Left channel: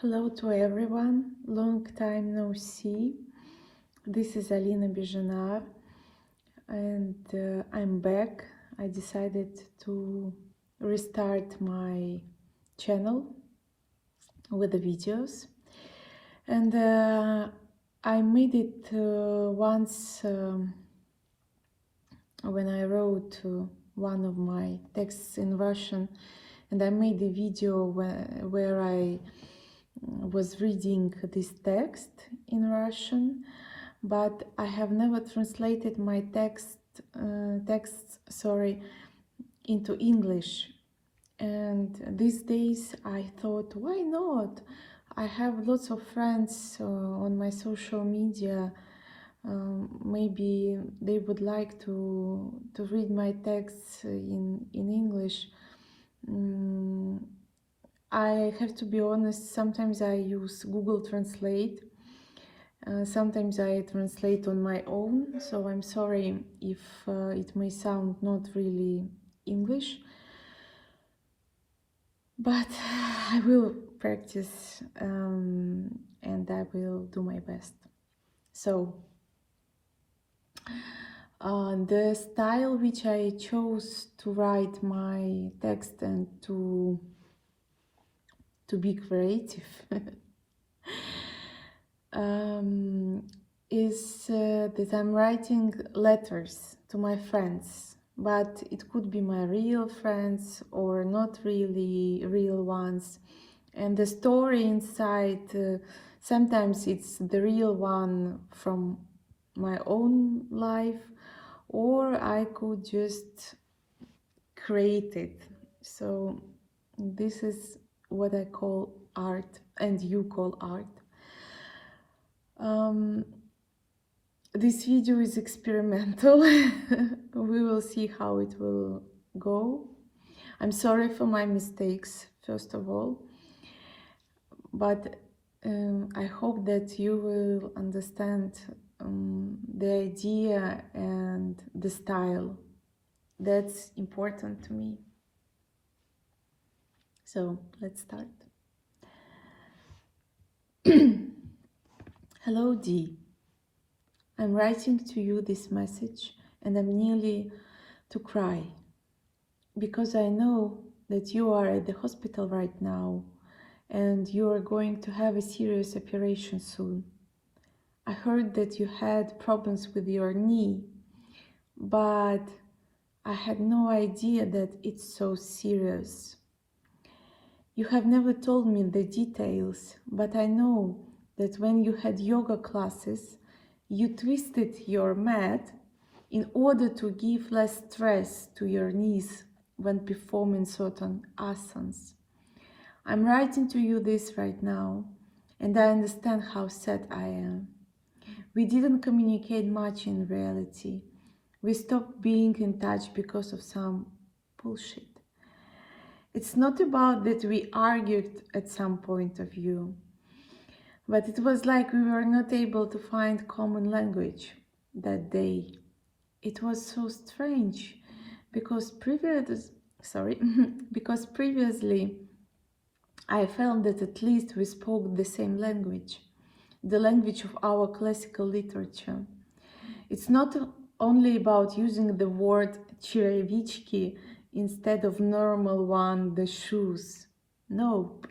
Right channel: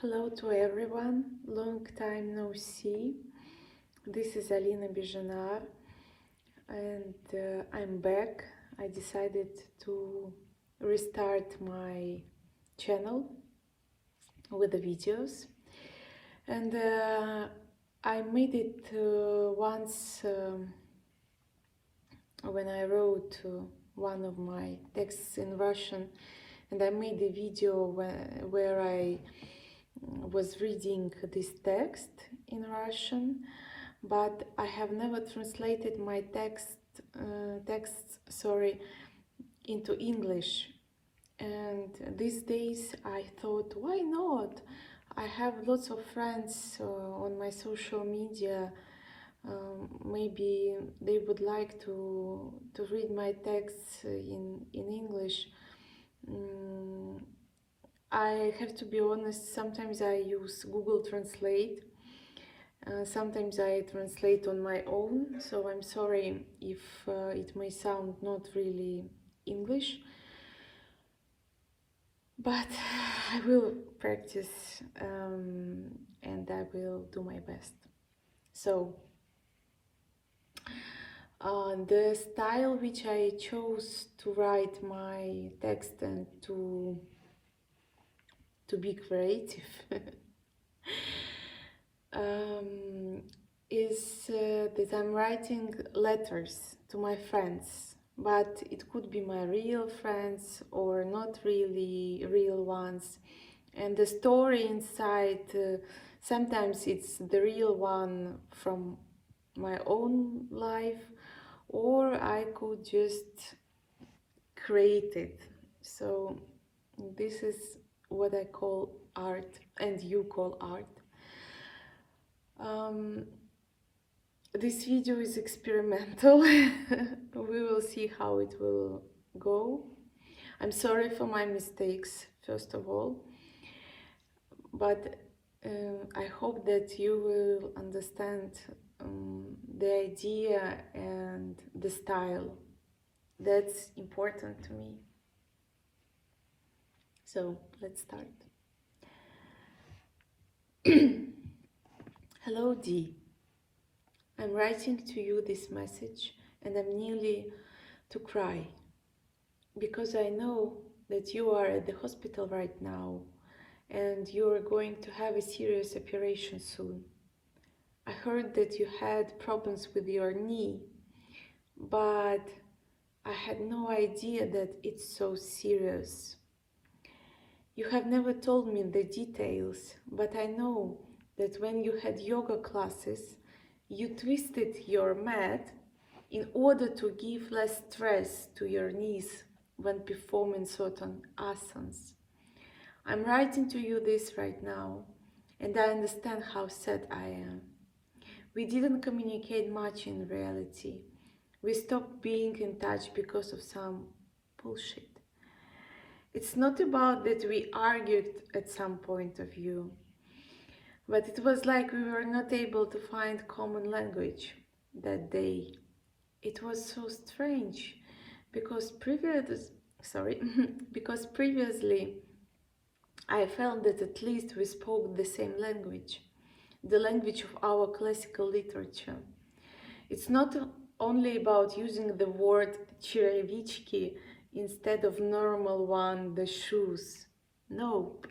Hello to everyone, long time no see. This is Alina Bezhenar and I'm back. I decided to restart my channel with the videos, and I made it once when I wrote one of my texts in Russian, and I made a video where I was reading this text in Russian, but I have never translated my texts into English. And these days I thought, why not? I have lots of friends on my social media. Maybe they would like to read my texts in English. I have to be honest, sometimes I use Google Translate. Sometimes I translate on my own, so I'm sorry if it may sound not really English, but I will practice and I will do my best. So, the style which I chose to write my text and to be creative is that I'm writing letters to my friends, but it could be my real friends or not really real ones. And the story inside, sometimes it's the real one from my own life, or I could just create it. So this is what I call art, and you call art. This video is experimental. We will see how it will go. I'm sorry for my mistakes, first of all, but I hope that you will understand the idea and the style. That's important to me. So let's start. Hello, Dee. I'm writing to you this message and I'm nearly to cry because I know that you are at the hospital right now and you are going to have a serious operation soon. I heard that you had problems with your knee, but I had no idea that it's so serious. You have never told me the details, but I know that when you had yoga classes, you twisted your mat in order to give less stress to your knees when performing certain asanas. I'm writing to you this right now, and I understand how sad I am. We didn't communicate much in reality. We stopped being in touch because of some bullshit. It's not about that we argued at some point of view, but it was like we were not able to find common language that day. It was so strange because because previously I felt that at least we spoke the same language, the language of our classical literature. It's not only about using the word черевички instead of normal one, the shoes. Nope.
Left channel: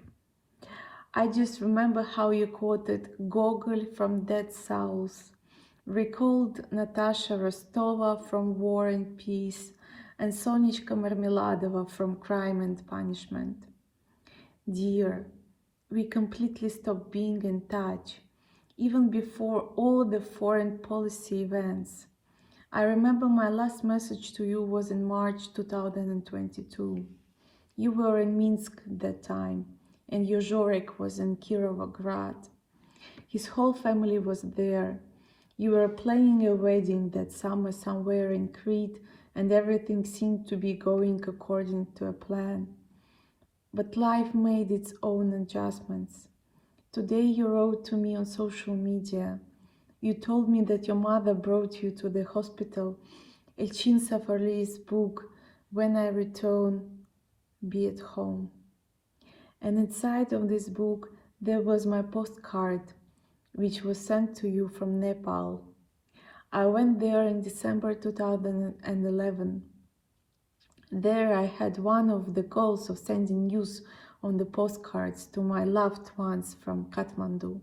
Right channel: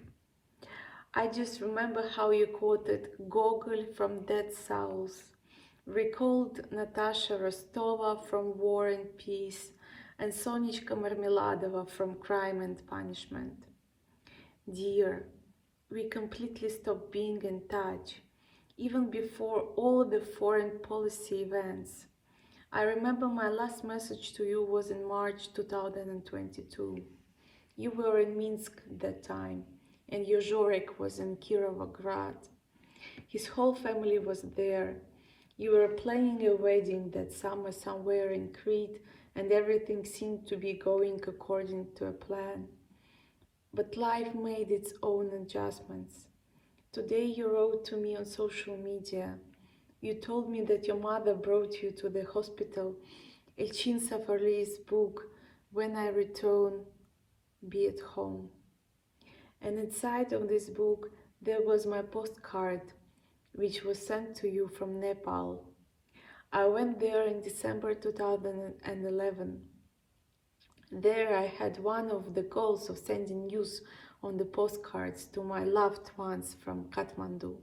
I just remember how you quoted Gogol from Dead Souls, recalled Natasha Rostova from War and Peace, and Sonichka Marmeladova from Crime and Punishment. Dear, we completely stopped being in touch, even before all the foreign policy events. I remember my last message to you was in March 2022. You were in Minsk at that time, and your Zhorek was in Kirovograd. His whole family was there. You were planning a wedding that summer somewhere in Crete, and everything seemed to be going according to a plan. But life made its own adjustments. Today you wrote to me on social media. You told me that your mother brought you to the hospital Elchin Safarli's book, When I Return, Be at Home. And inside of this book, There was my postcard, which was sent to you from Nepal. I went there in December 2011. There I had one of the goals of sending news on the postcards to my loved ones from Kathmandu.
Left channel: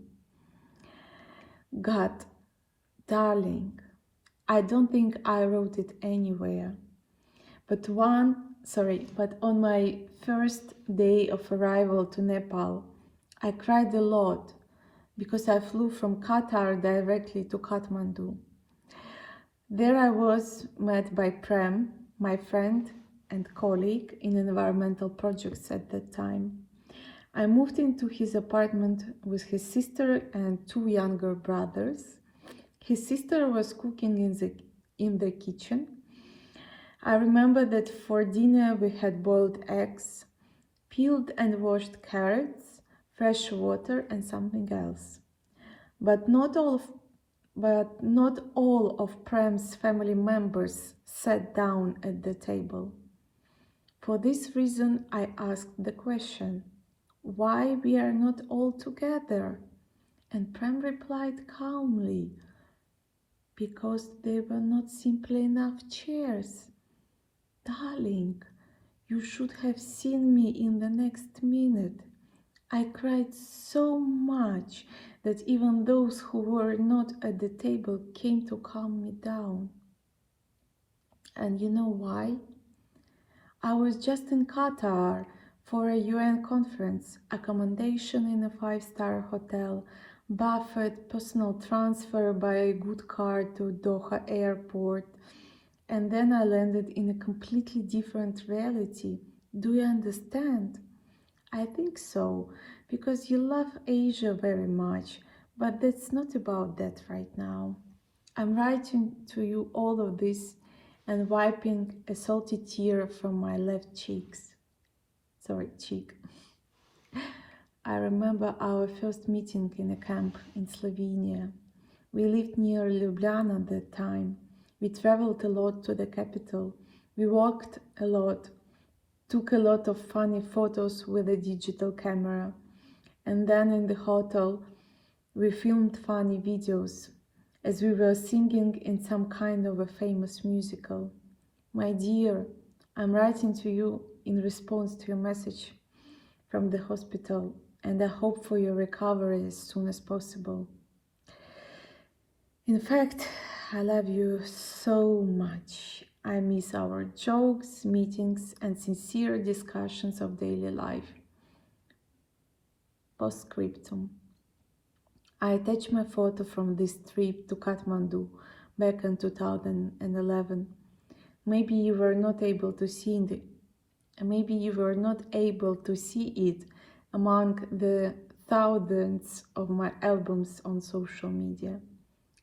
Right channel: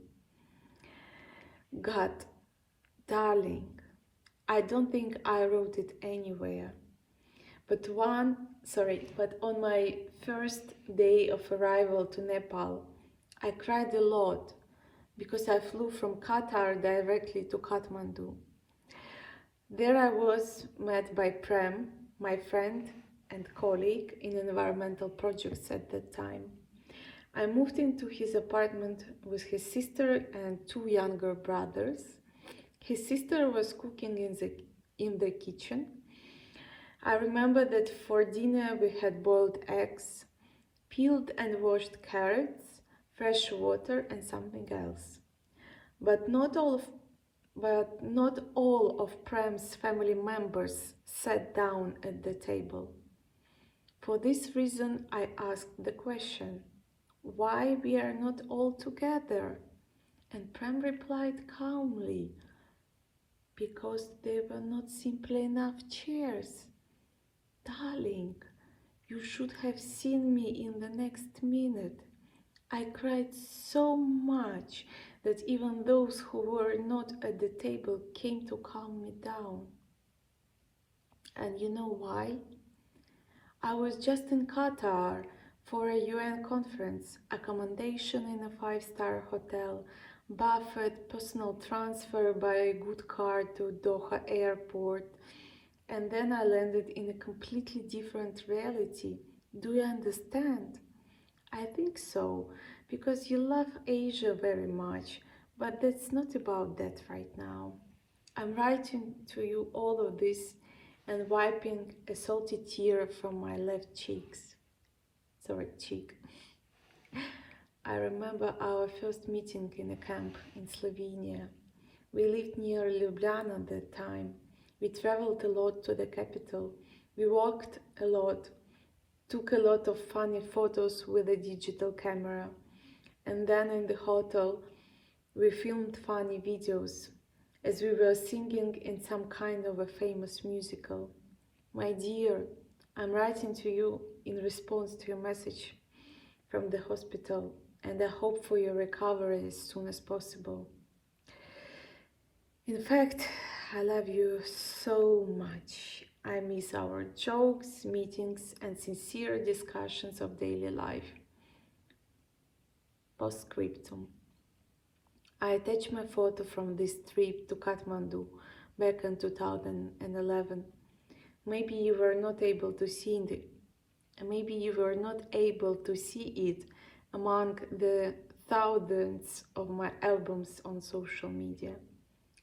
God, darling, I don't think I wrote it anywhere. But on my first day of arrival to Nepal, I cried a lot because I flew from Qatar directly to Kathmandu. There I was met by Prem, my friend and colleague in environmental projects at that time. I moved into his apartment with his sister and two younger brothers. His sister was cooking in the kitchen. I remember that for dinner we had boiled eggs, peeled and washed carrots, fresh water and something else. But not all of Prem's family members sat down at the table. For this reason, I asked the question, why we are not all together? And Prem replied calmly, because there were not simply enough chairs. Darling, you should have seen me in the next minute. I cried so much that even those who were not at the table came to calm me down. And you know why? I was just in Qatar for a UN conference, accommodation in a 5-star hotel, buffet, personal transfer by a good car to Doha airport, and then I landed in a completely different reality. Do you understand? I think so, because you love Asia very much, but that's not about that right now. I'm writing to you all of this and wiping a salty tear from my left cheek. I remember our first meeting in a camp in Slovenia. We lived near Ljubljana at that time. We traveled a lot to the capital. We walked a lot, took a lot of funny photos with a digital camera. And then in the hotel, we filmed funny videos as we were singing in some kind of a famous musical. My dear, I'm writing to you in response to your message from the hospital, and I hope for your recovery as soon as possible. In fact, I love you so much. I miss our jokes, meetings, and sincere discussions of daily life. Postscriptum. I attach my photo from this trip to Kathmandu back in 2011. Maybe you were not able to see it among the thousands of my albums on social media.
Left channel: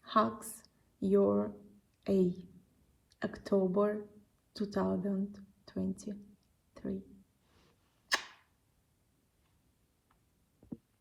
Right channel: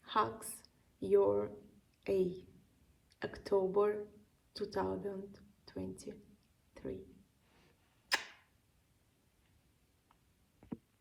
Hugs, your A. October 2023.